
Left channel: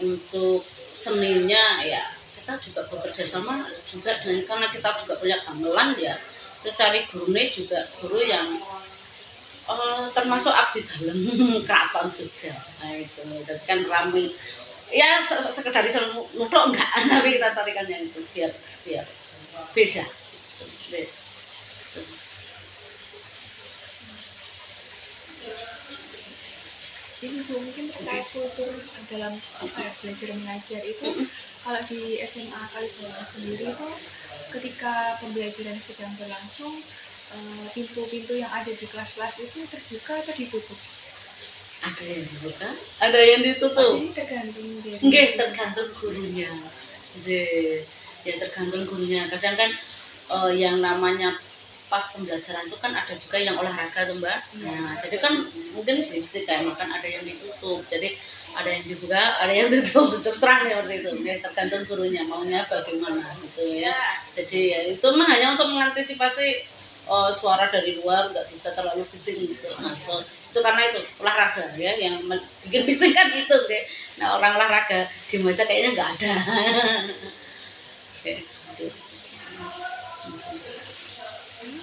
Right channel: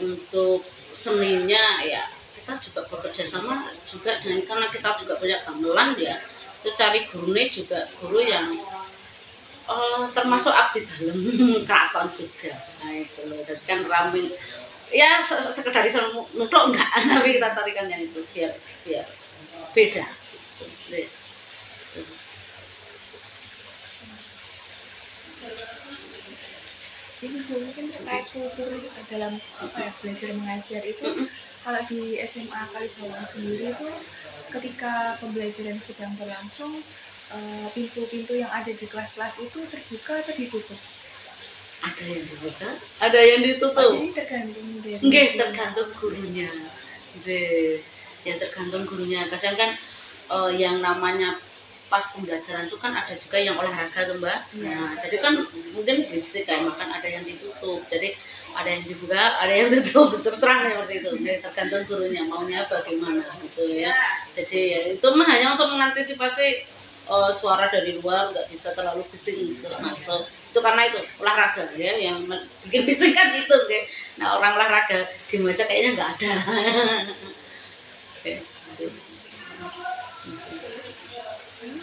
untuk seninya ya kita juga bekerja sama juga dengan, karena kita juga punya gamelan ya, kita cari gurunya juga guru yang termasuk abdi dalam keraton Jogja. Nah itu loh, jadi kan rame ya, sekedar iso nutuk enggak, tapi kita carikan yang itu biar beda gitu. Jadi mungkin terkait kultur dalam belajar mengajar itu, kalau di SMA Kalijodo sendiri itu ketika pembelajaran sedang berlangsung, pintu-pintu yang ada di kelas-kelas itu terbuka atau ditutup? Ada yang dibuka, ada yang ditutup. Jadi tergantung dari. Nggih, tergantung gurunya. Nggih. Ya tergantung gurunya. Kadang kan yang namanya pas pembelajaran itu kan ada juga yang olahraga tuh Mbak. Nah, jadi kan mungkin berisik kayak makan, ada yang ditutup. Jadi ada yang dibuka, ada yang ditutup, terus terang seperti itu. Ya, tergantung gurunya maunya bagaimana gitu ya. Jadi ya itu mah hanya untuk mengantisipasi suara dari luar, nggak bisa terlalu bising gitu masuk. Itu karena itu olahraga ya yang bikin bising kan gitu deh. Nah orang olahraga di meja kayaknya nggak ada. Oke, gitu.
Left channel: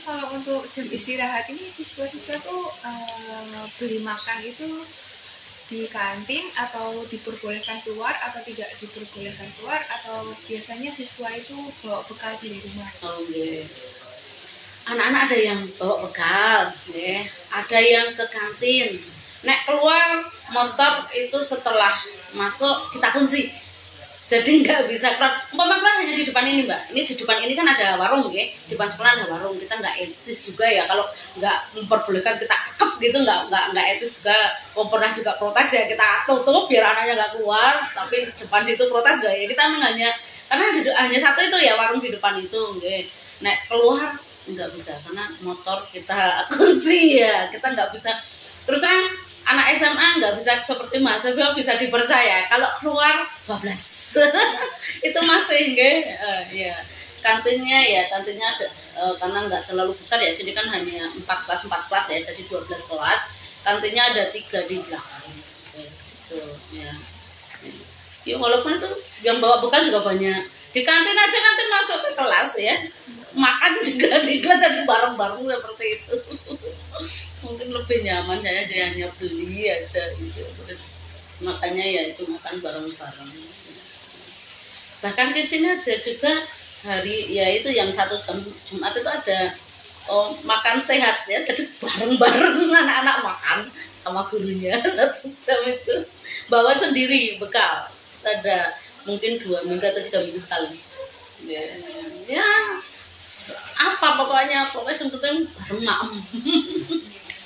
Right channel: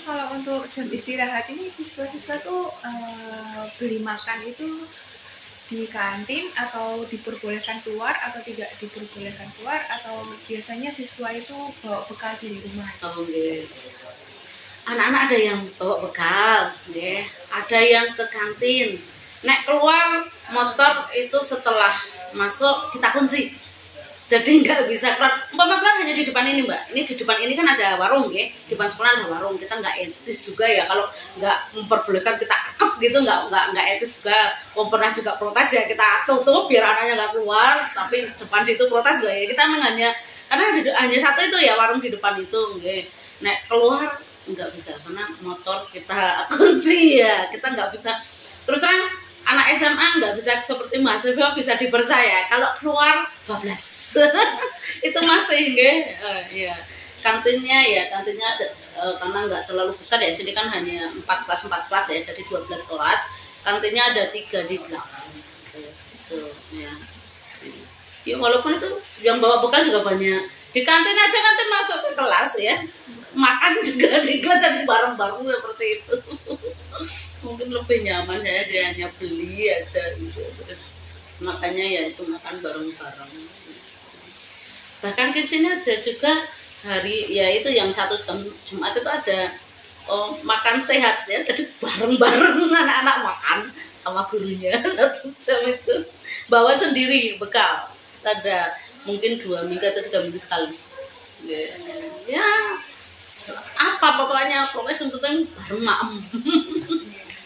Kalau untuk jam istirahat ini siswa-siswa tuh beli makan itu di kantin atau diperbolehkan keluar atau tidak diperbolehkan keluar, atau biasanya siswa itu bawa bekal dari rumah? Oh, okay. Anak-anak ada yang bawa bekal, ya. Ada yang ke kantin. Nek keluar motor itu setelah masuk kita kunci. Jadi nggak bisa keluar. Umpama keluar hanya di depan ini Mbak. Ini di depan ini kan ada warung ya. Di depan sekolah ada warung. Kita nggak etis juga ya kalau nggak memperbolehkan kita akep gitu, nggak etis juga. Kalau pernah juga protes ya kita tutup biar anaknya nggak keluar. Tapi depan itu protes nggak ya? Kita memang karena hanya satu itu ya warung di depan itu. Okay. Nek keluar nggak bisa karena motor kita kunci ya. Kita nggak bisa. Terus terang anak SMA nggak bisa seperti mahasiswa bisa dipercaya kalau keluar bablas. Itu masih ya kantinnya ada karena nggak terlalu besar ya, sini kan hanya 4 kelas ya, jadi 12 kelas, kantinnya ada 3 di belakang itu ya walaupun itu yang bawa bekal juga banyak di kantin aja, kantin masuk ke kelas ya, makan juga di kelas jadi bareng-bareng seperti itu. Mungkin lebih nyaman saya hanya beli aja gitu. Makanya ya itu makan bareng-bareng. Bahkan di sini ada juga hari ya itu yang 1 jam Jumat itu ada makan sehat ya, jadi bareng-bareng anak-anak makan sama gurunya 1 jam itu bawa sendiri bekal, ada mungkin 2 minggu atau 3 minggu sekali ya apa pokoknya sebetulnya bareng maem.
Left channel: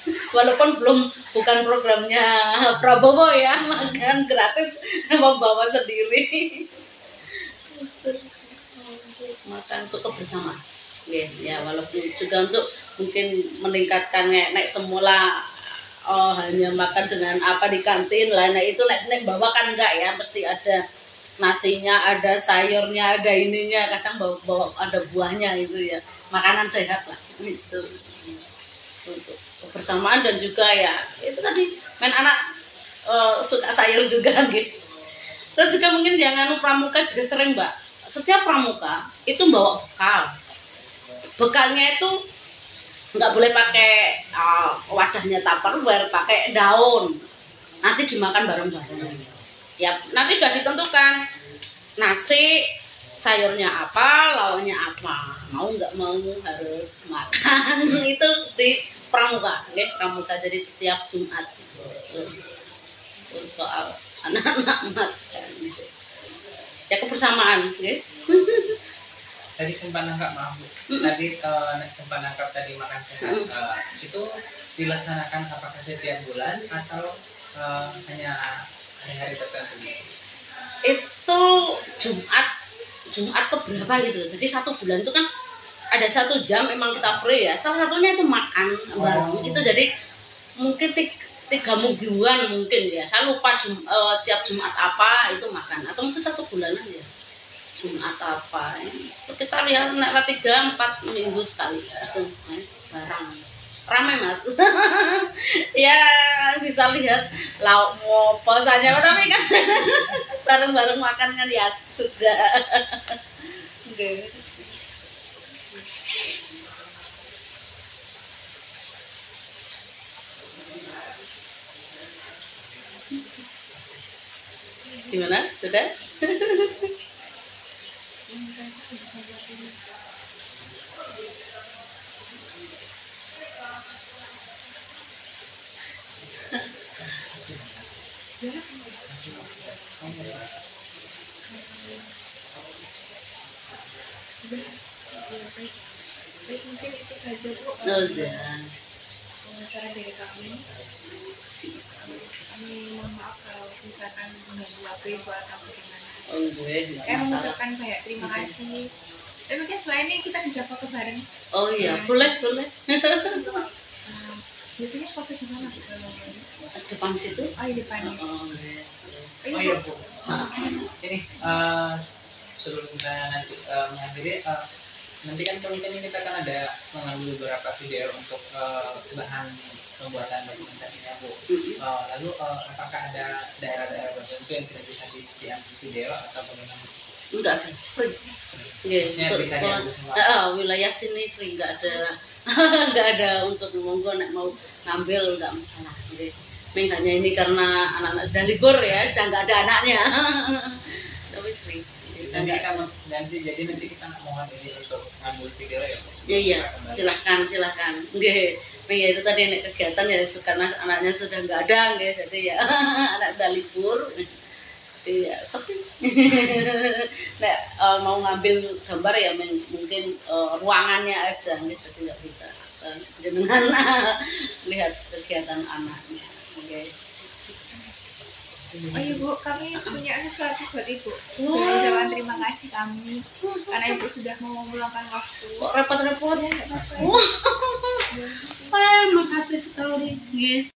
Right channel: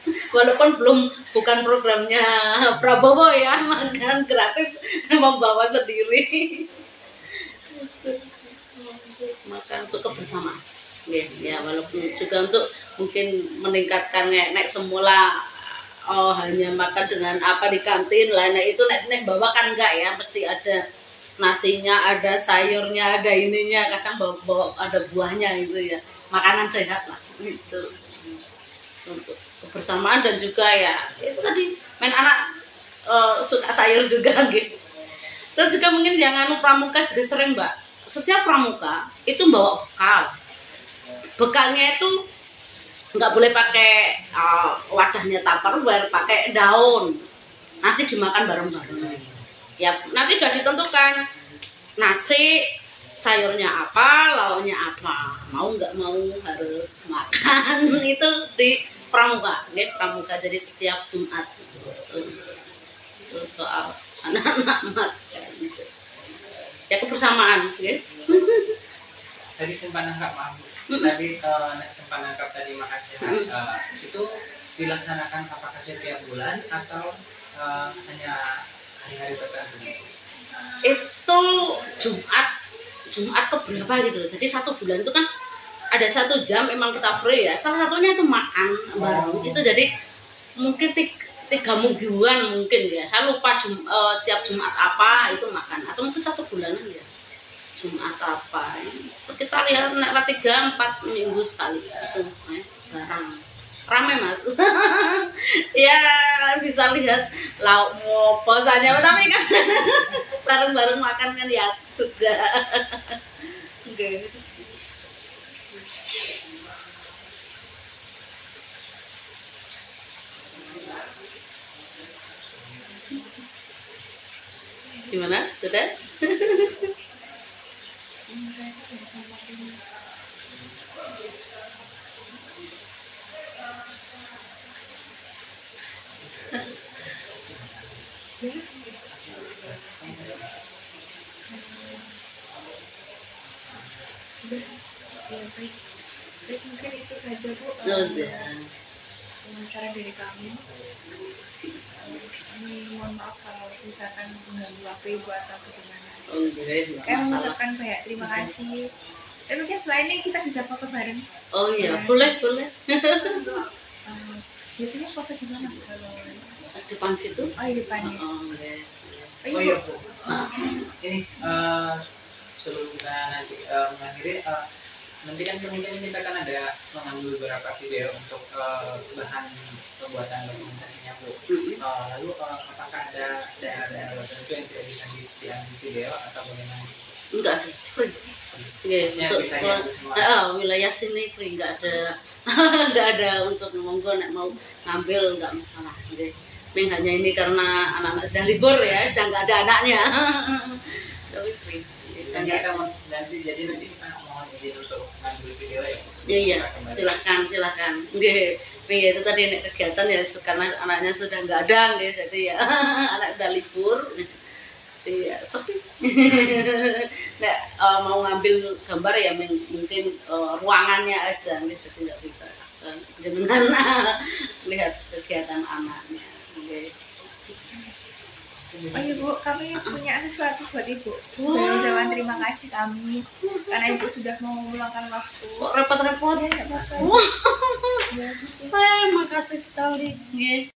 Walaupun bukan programnya Prabowo ya, makan gratis membawa sendiri. Makan untuk kebersamaan. Ya walaupun juga untuk mungkin meningkatkan nek semula hanya makan dengan apa di kantin lainnya itu nek bawa kan enggak ya, mesti ada nasinya, ada sayurnya, ada ininya, kadang bawa ada buahnya itu ya, makanan sehat lah itu untuk kebersamaan. Dan juga ya itu tadi main anak suka sayur juga gitu. Terus juga mungkin yang pramuka juga sering Mbak, setiap pramuka itu bawa bekal. Bekalnya itu nggak boleh pakai wadahnya Tupperware, pakai daun, nanti dimakan bareng-bareng ya. Nanti udah ditentukan nasi, sayurnya apa, lauknya apa, mau nggak mau harus makan. Itu di pramuka, ya pramuka. Jadi setiap Jumat itu soal anak-anak makan ya, kebersamaan ya. Tadi sempat nangkap maaf tadi sempat nangkap tadi makan sehat itu dilaksanakan apakah setiap bulan atau hanya hari-hari tertentu? Itu Jumat keberapa gitu. Jadi 1 bulan itu kan ada 1 jam memang kita free ya. Salah satunya itu makan bareng. Itu jadi mungkin 3 mingguan mungkin ya. Saya lupa tiap Jumat apa itu makan, atau mungkin 1 bulanan ya. Jumat apa? Sekitar ya 3-4 minggu sekali itu bareng. Ramai Mas. Ya bisa lihat lauk apa saja, tapi kan bareng-bareng makan kan ya juga. Okay. Gimana? Sudah? Sudah ya, baik mungkin itu saja Bu. Oh, ya. wawancara dari kami. Kami mohon maaf kalau misalkan mengganggu waktu ibu atau bagaimana. Oh, nggih, Kami mengucapkan banyak terima kasih. Tapi mungkin selain ini kita bisa foto bareng. Oh iya, Ya. boleh. Biasanya foto di mana Bu kalau Depan situ. oh di depannya. Oh, nggih. Ayo Oh Bu. iya Bu. Ini sebelum kita nanti mengakhiri, nanti kan kemungkinan kita kan ada mengambil beberapa video untuk bahan pembuatan dokumentasinya Bu. Lalu apakah ada daerah-daerah tertentu yang tidak bisa diambil video atau bagaimana? Enggak ada, free. Nggih, Ya, untuk bisa sekolah. diambil semua. Wilayah sini free, enggak ada. Enggak ada untuk monggo nek mau ngambil enggak masalah. Nggih. Ming hanya ini karena anak-anak sedang libur ya, sedang enggak ada anaknya. Tapi free. Kita Nanti enggak. jadi nanti kita mohon izin untuk ngambil video ya. Iya, silakan. Nggih. Ming ya itu tadi nek kegiatan ya karena anaknya sudah enggak ada nggih, jadi ya anak sudah libur. Iya, sepi. Nek mau ngambil gambar ya mungkin ruangannya aja, gitu, jadi nggak bisa jenengan lihat kegiatan anaknya. Oke. Oh iya Bu, kami punya sesuatu buat Ibu. Sebagai ucapan terima kasih kami karena Ibu sudah mau meluangkan waktu. Kok repot-repot? Ya, nggak apa-apa. Wah, makasih sekali. Nggih.